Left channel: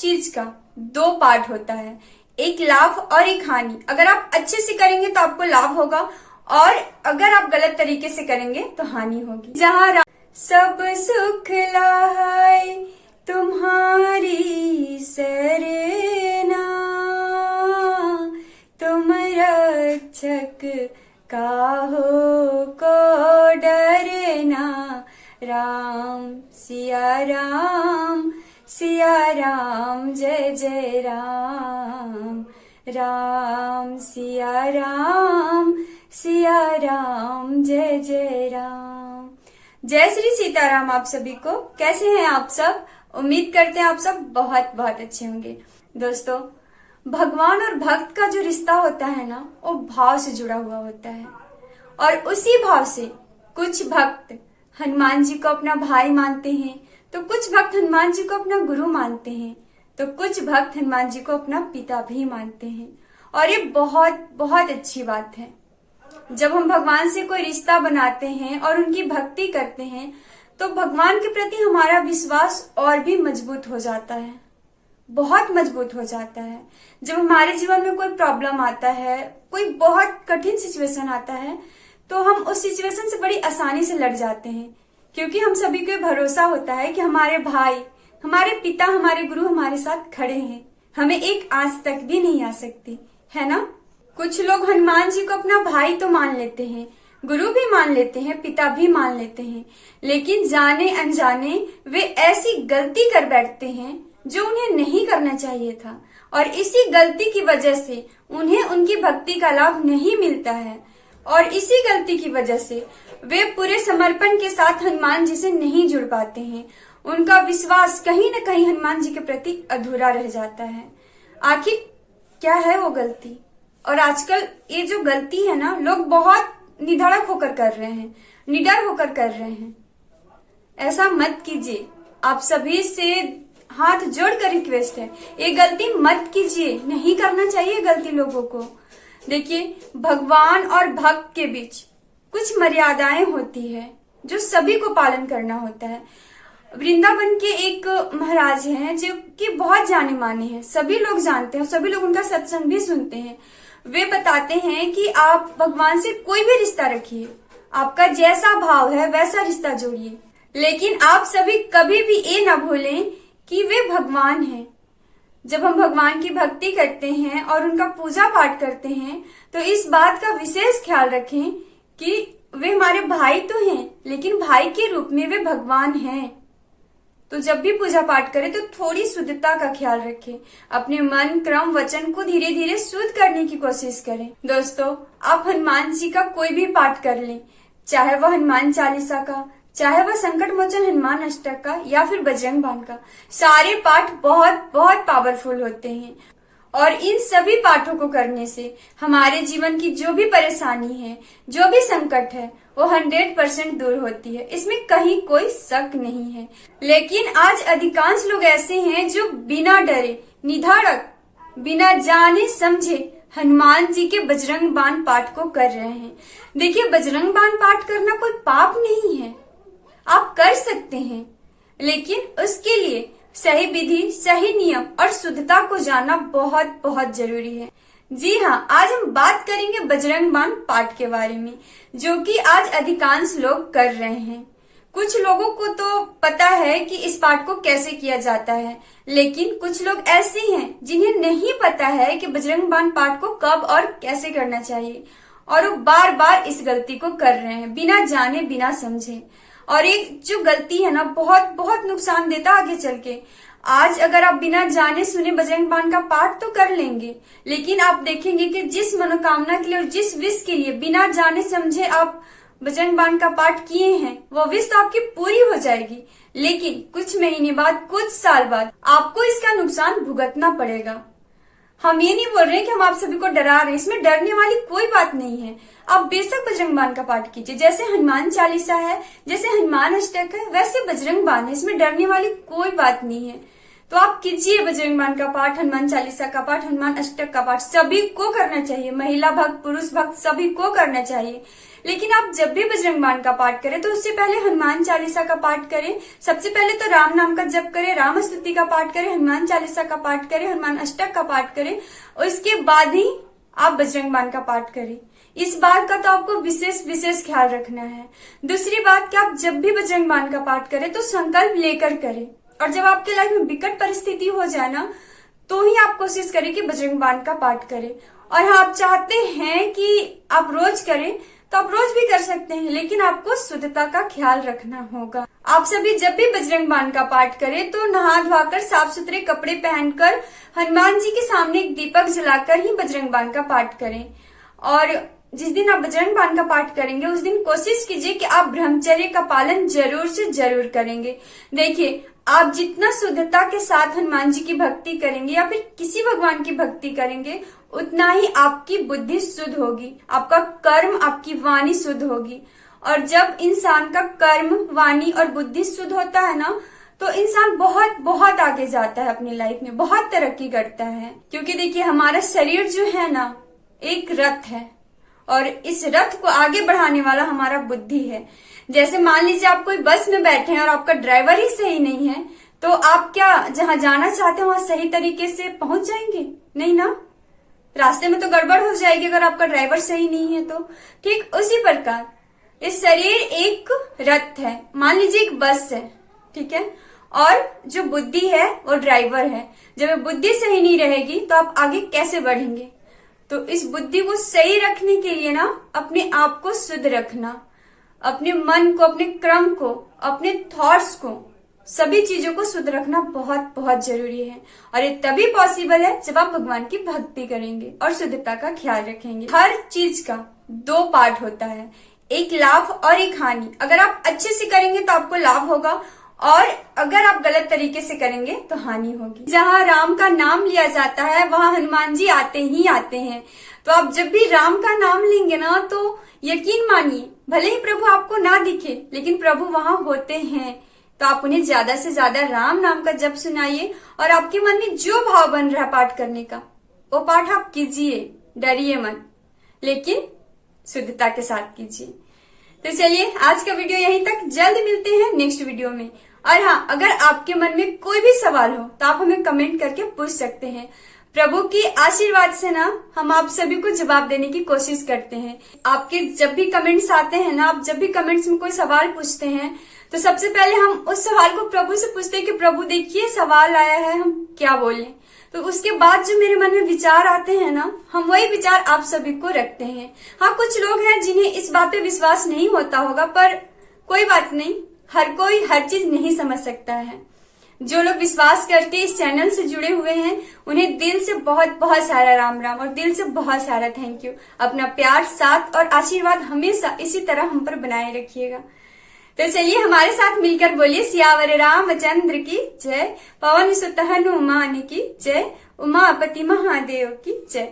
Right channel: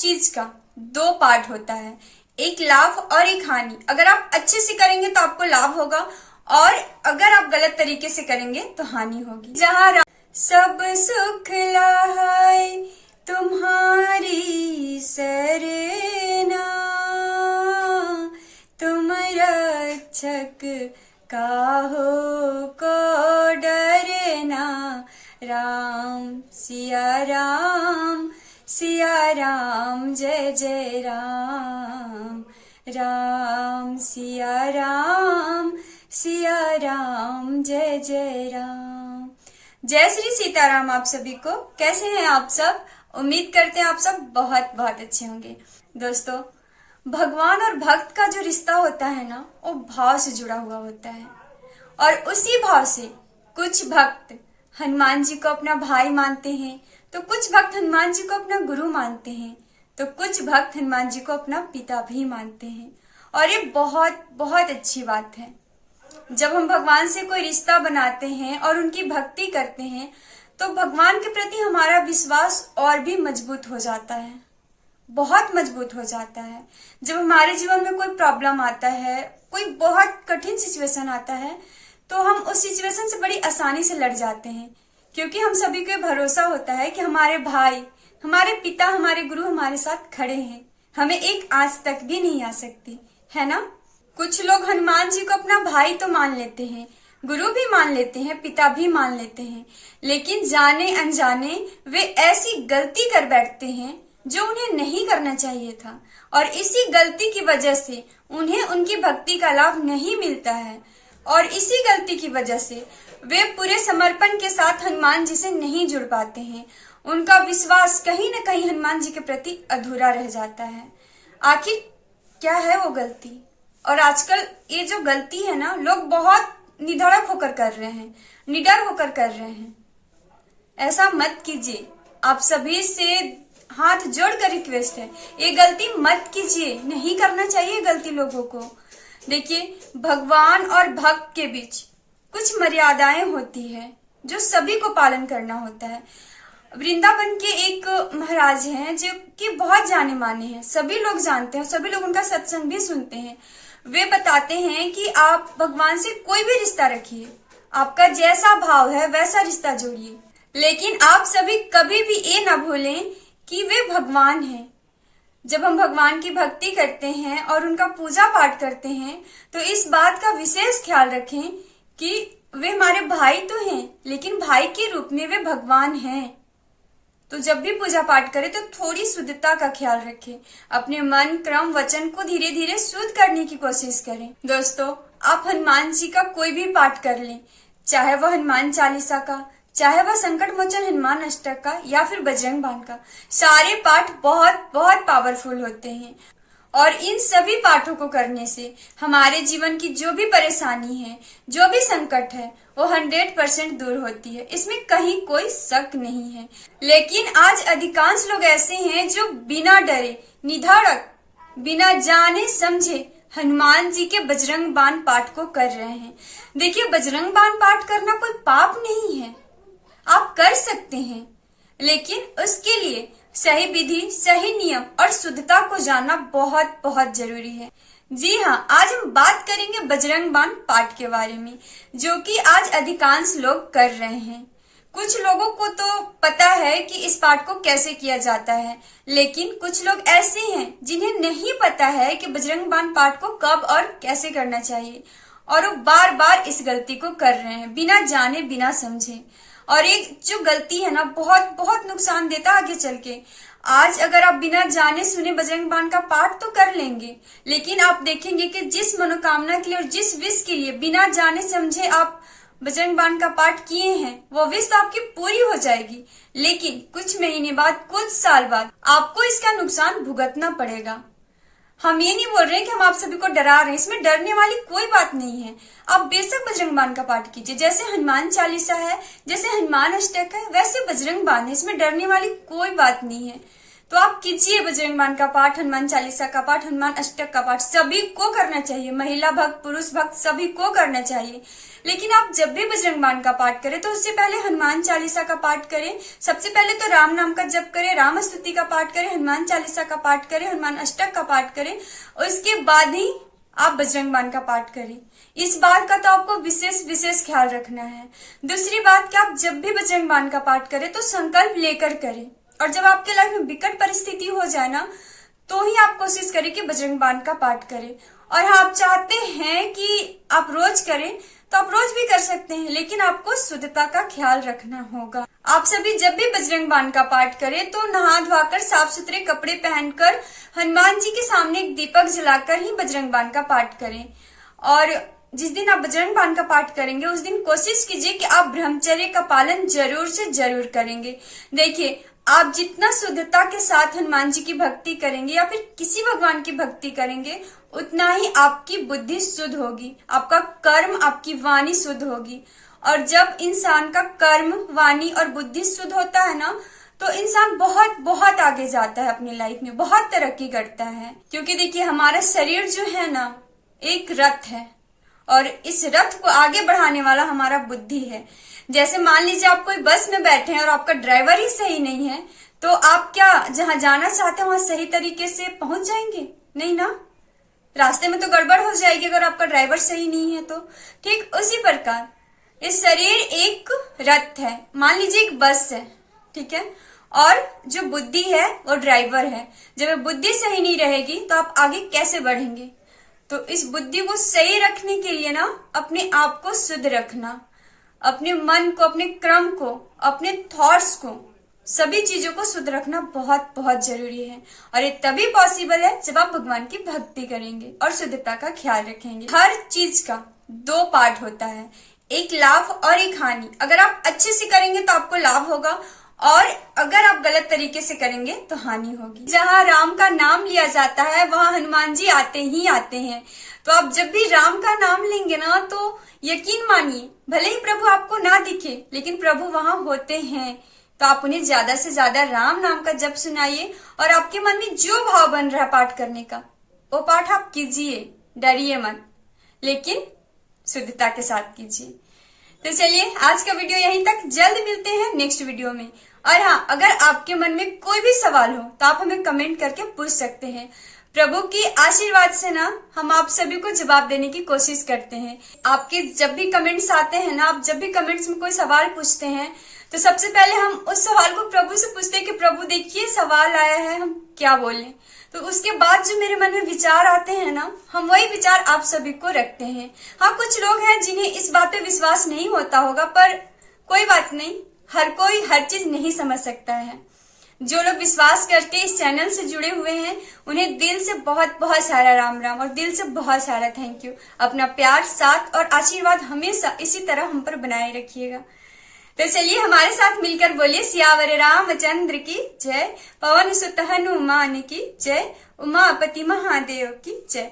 चीज का दो पार्ट होता है, एक लाभ और एक हानि। अगर आप अच्छे से करेंगे तो आपको लाभ होगा, और अगर आप गलत तरीके से करेंगे तो हानि होगी। जहाँ सब सुख लाए तुम्हारी सरना, तुम रक्षक काहो को डरना। राम सिया राम जय जय राम। राम सिया राम जय जय राम। जय श्री सीताराम आप सभी को। कैसे हैं आप सब? उम्मीद करते हैं आप सब बहुत बहुत अच्छे होंगे। दोस्तों, भगवान और भक्त का जो रिश्ता होता है ना, वो भाव से जुड़ा हुआ होता है, और उसी भाव से कुछ भक्त हनुमान जी को अपना भाई मानते हैं, तो कुछ भक्त हनुमान जी को अपना गुरु मानते हैं, तो कुछ भक्त हनुमान जी को अपना पिता भी मानते हैं। और ये बहुत बहुत अच्छी बात है। जब हम भगवान से कोई रिश्ता बनाते हैं और उनकी भक्ति करते हैं, तो भगवान के प्रति हमारा विश्वास और भी मजबूत हो जाता है, बहुत मजबूत हो जाता है। जब हमारे जीवन में कोई प्रॉब्लम आता है, कोई बहुत कठिन सिचुएशन आता है, तो हम उस सिचुएशन से बड़ी आसानी से लड़ जाते हैं, क्योंकि हम सभी को भरोसा होता है कि हमारे भाई, हमारे पिता, हमारे गुरु हमारे साथ खड़े हैं, हमें एक आंच तक भी नहीं आ सकती, है ना। कुछ लोग हनुमान जी को अपना भाई तो मान लेते हैं, गुरु भी मान लेते हैं, पिता भी मान लेते हैं, लेकिन जाने अनजाने वे ऐसी गलती कर बैठते हैं जो उन्हें नहीं करना चाहिए था, और इसी गलती की वजह से उन्हें उनकी भक्ति का लाभ नहीं मिलता है, और इसी गलती की वजह से वे पूरे समर्पण के साथ हनुमान जी से नहीं जुड़ पाते हैं। उनका विश्वास कहीं न कहीं हनुमान जी के प्रति अधूरा रह जाता है। आखिर क्या है वो गलती? और आजकल ये जो गलती है ना, लोग बहुत निधड़क होकर कर रहे हैं, निडर होकर कर रहे हैं। ऐसा मत कीजिए। आप सभी से हाथ जोड़कर रिक्वेस्ट है, ये गलती मत कीजिए। नहीं करना चाहिए गलती लोगों को। देखिए, भगवान और भक्त के बीच कुछ मर्यादाएं होती है जो सभी को पालन करना होता है। वृंदावन के एक महाराज हैं जो कि बहुत जाने माने हैं, सभी लोग जानते हैं, सभी लोग उनका सत्संग भी सुनते हैं। वे बताते हैं कि आप भगवान से कोई भी रिश्ता रखिए, आपका जैसा भाव है वैसा रिश्ता जोड़िए, लेकिन आप सभी कभी भी ये ना भूलें कि वे भगवान हैं। जब हम भगवान की भक्ति करते हैं और उनका पूजा पाठ करते हैं, तो इस बात का विशेष ख्याल रखें कि वे हमारे भाई तो हैं, लेकिन भाई के रूप में वे भगवान हैं। तो जब भी पूजा पाठ करें तो थोड़ी शुद्धता का ख्याल रखें, अपने मन, क्रम, वचन को धीरे धीरे शुद्ध करने की कोशिश करें। दोस्तों, आप हनुमान जी का कोई भी पाठ कर लें, चाहे वह हनुमान चालीसा का, चाहे वह संकट मोचन हनुमान अष्टक का, या फिर बजरंग बाण का, सारे पाठ बहुत बहुत पावरफुल होते हैं। और इन सभी पाठों को करने से हमारे जीवन की जो भी परेशानी है, जो भी संकट है, वो 100% दूर होती है, इसमें कहीं कोई शक नहीं है। लेकिन आज अधिकांश लोग ऐसे हैं जो बिना डरे, निधड़क, बिना जाने समझे हनुमान जी के बजरंग बाण पाठ को कर रहे हैं। देखिए, बजरंग बाण पाठ करना कोई पाप नहीं है, आप कर सकते हैं, लेकिन उसके लिए सही विधि, सही नियम और शुद्धता को जानना बहुत बहुत जरूरी है। जी हाँ, आज हम बात करेंगे बजरंग बाण पाठ के बारे में, जो कि आज अधिकांश लोग कर रहे हैं। कुछ लोगों को तो पता है कि इस पाठ को कैसे किया जाता है, लेकिन कुछ लोग ऐसे हैं जिन्हें नहीं पता है कि बजरंग बाण पाठ को कब और कैसे करना चाहिए, और वो बार बार इस गलती को कर रहे हैं बिना जाने, बिना समझे। और ये जो गलती है ना, बहुत बहुत नुकसान देता आगे चल के। आज अगर आप बिना जाने सुने बजरंग बाण का पाठ तो कर लेंगे, लेकिन आप देखेंगे कि जिस मनोकामना के लिए और जिस विश के लिए बिना जाने समझे आप बजरंग बाण का पाठ किए हैं, वो विश तो आपकी पूरी हो जाएगी, लेकिन कुछ महीने बाद, कुछ साल बाद आपको इसका नुकसान भुगतना पड़ेगा। हम ये नहीं बोल रहे हैं कि हम आप सभी को डरा रहे हैं, इसमें डरने वाली कोई बात नहीं है। आप बेशक बजरंग बाण का पाठ कीजिए, जैसे हनुमान चालीसा है, जैसे हनुमान अष्टक है, वैसे बजरंग बाण है, इसमें डरने वाली कोई बात नहीं है। तो आप कीजिए बजरंग बाण का पाठ, हनुमान चालीसा का पाठ, हनुमान अष्टक का पाठ, सभी को करना चाहिए। महिला भक्त, पुरुष भक्त सभी को करना चाहिए। लेकिन आप जब भी बजरंग बाण का पाठ करें तो उससे पहले हनुमान चालीसा का पाठ करें। सबसे पहले तो राम नाम का जप करें, राम स्तुति का पाठ करें, हनुमान चालीसा का पाठ करें, हनुमान अष्टक का पाठ करें, उसके बाद ही आप बजरंग बाण का पाठ करें। इस बात का तो आपको विशेष ख्याल रखना है। दूसरी बात कि आप जब भी बजरंग बाण का पाठ करें तो संकल्प लेकर करें, और जब आपके लाइफ में विकट परिस्थिति हो जाए ना, तो ही आप कोशिश करें कि बजरंग बाण का पाठ करें। और हाँ, आप चाहते हैं कि आप रोज करें तो आप रोज भी कर सकते हैं, लेकिन आपको शुद्धता का ख्याल रखना होगा। आप सभी जब भी बजरंग बाण का पाठ करें तो नहा धोकर साफ सुथरे कपड़े पहनकर हनुमान जी के सामने एक दीपक जलाकर ही बजरंग बाण का पाठ करें। और जिस दिन आप बजरंग बाण का पाठ करेंगे उस दिन कोशिश कीजिए कि आप ब्रह्मचर्य का पालन जरूर से जरूर करेंगे। देखिए, आप जितना शुद्धता के साथ हनुमान जी की भक्ति करेंगे या फिर किसी भगवान की भक्ति करेंगे, उतना ही आपकी बुद्धि शुद्ध होगी, आपका कर्म, आपकी वाणी शुद्ध होगी। और जब इंसान का कर्म, वाणी और बुद्धि शुद्ध होता है ना, तो इंसान बहुत बहुत आगे जाता है अपनी लाइफ में, बहुत तरक्की करता है। क्योंकि देखिए, हमारा शरीर जो है ना, एक रथ है, और इस रथ को आगे बढ़ाने वाला हमारा बुद्धि है। जैसे मान लीजिए आप कोई बस में बैठे हैं और आपका ड्राइवर ही सही नहीं है, तो आप क्या जहां जाना चाहते हैं वहां सही तरीके से पहुंच जाएंगे? नहीं ना, रास्ते में तो गड़बड़ हो जाएगी अगर आपका ड्राइवर सही नहीं है तो। ठीक उसी प्रकार इस शरीर एक रथ है, मान लीजिए एक बस है, ठीक है, और जो बुद्धि है वो ड्राइवर है। जब बुद्धि सही नहीं रहेगी तो आप आगे कैसे बढ़ेंगे? तो इस बुद्धि को सही रखने के लिए ना, अपने आप को शुद्ध रखना, अपने मन को, अपने क्रम को, अपने थॉट्स को, सभी चीजों को शुद्ध रखना बहुत बहुत जरूरी है। और ये तभी पॉसिबल है जब आप भगवान की भक्ति करेंगे और शुद्धता का ख्याल रखेंगे। हर चीज का दो पार्ट होता है, एक लाभ और एक हानि। अगर आप अच्छे से करेंगे तो आपको लाभ होगा, और अगर आप गलत तरीके से करेंगे तो हानि होगी। जहाँ राम का नाम लिया जाता है वहाँ हनुमान जी आते ही आते हैं। तो आप जब भी राम का नाम लेंगे ना, तो यकीन मानिए, भले ही प्रभु आपको ना दिखे लेकिन प्रभु वहाँ होते हैं। तो आप उन्हें ज्यादा से ज्यादा राम नाम का जप सुनाइए, और आपके मन में जो भाव बन रहा है पाठ करने का, वो पाठ आप कीजिए, डरिए मत, लेकिन शुद्धता के साथ कीजिए। तो चलिए, आज का वीडियो यहीं तक, जल्द मिलते हैं नेक्स्ट वीडियो में। और हाँ, अगर आपके मन में कोई भी सवाल हो तो आप हमें कमेंट करके पूछ सकते हैं। प्रभु की आशीर्वाद से ना, हम आप सभी को जवाब देने की कोशिश करते हैं। आपके जब भी कमेंट्स आते हैं ना, आप जब भी कमेंट्स में कोई सवाल पूछते हैं, तो सबसे पहले हम उस सवाल को प्रभु से पूछते हैं कि प्रभु देखिए सवाल आया है, हम क्या बोलें। तो उसके बाद जो मेरे मन में विचार आते हैं ना, हम वही विचार आप सभी को रखते हैं। हाँ, कुछ लोग हैं जिन्हें इस बात पे विश्वास नहीं होता होगा, पर कोई बात नहीं, हर कोई हर चीज नहीं समझ सकता है। जो लोग विश्वास करके इस चैनल से जुड़े हुए हैं, उन्हें दिल से बहुत बहुत सारा राम राम और दिल से बहुत सारा थैंक यू। अपना प्यार, साथ और आशीर्वाद हमेशा इसी तरह हम पर बनाए रखिएगा। तो चलिए, हमारे साथ मिलकर बोलिए सियावर रामचंद्र की जय, पवन सुत हनुमान की जय, उमापति महादेव की जय।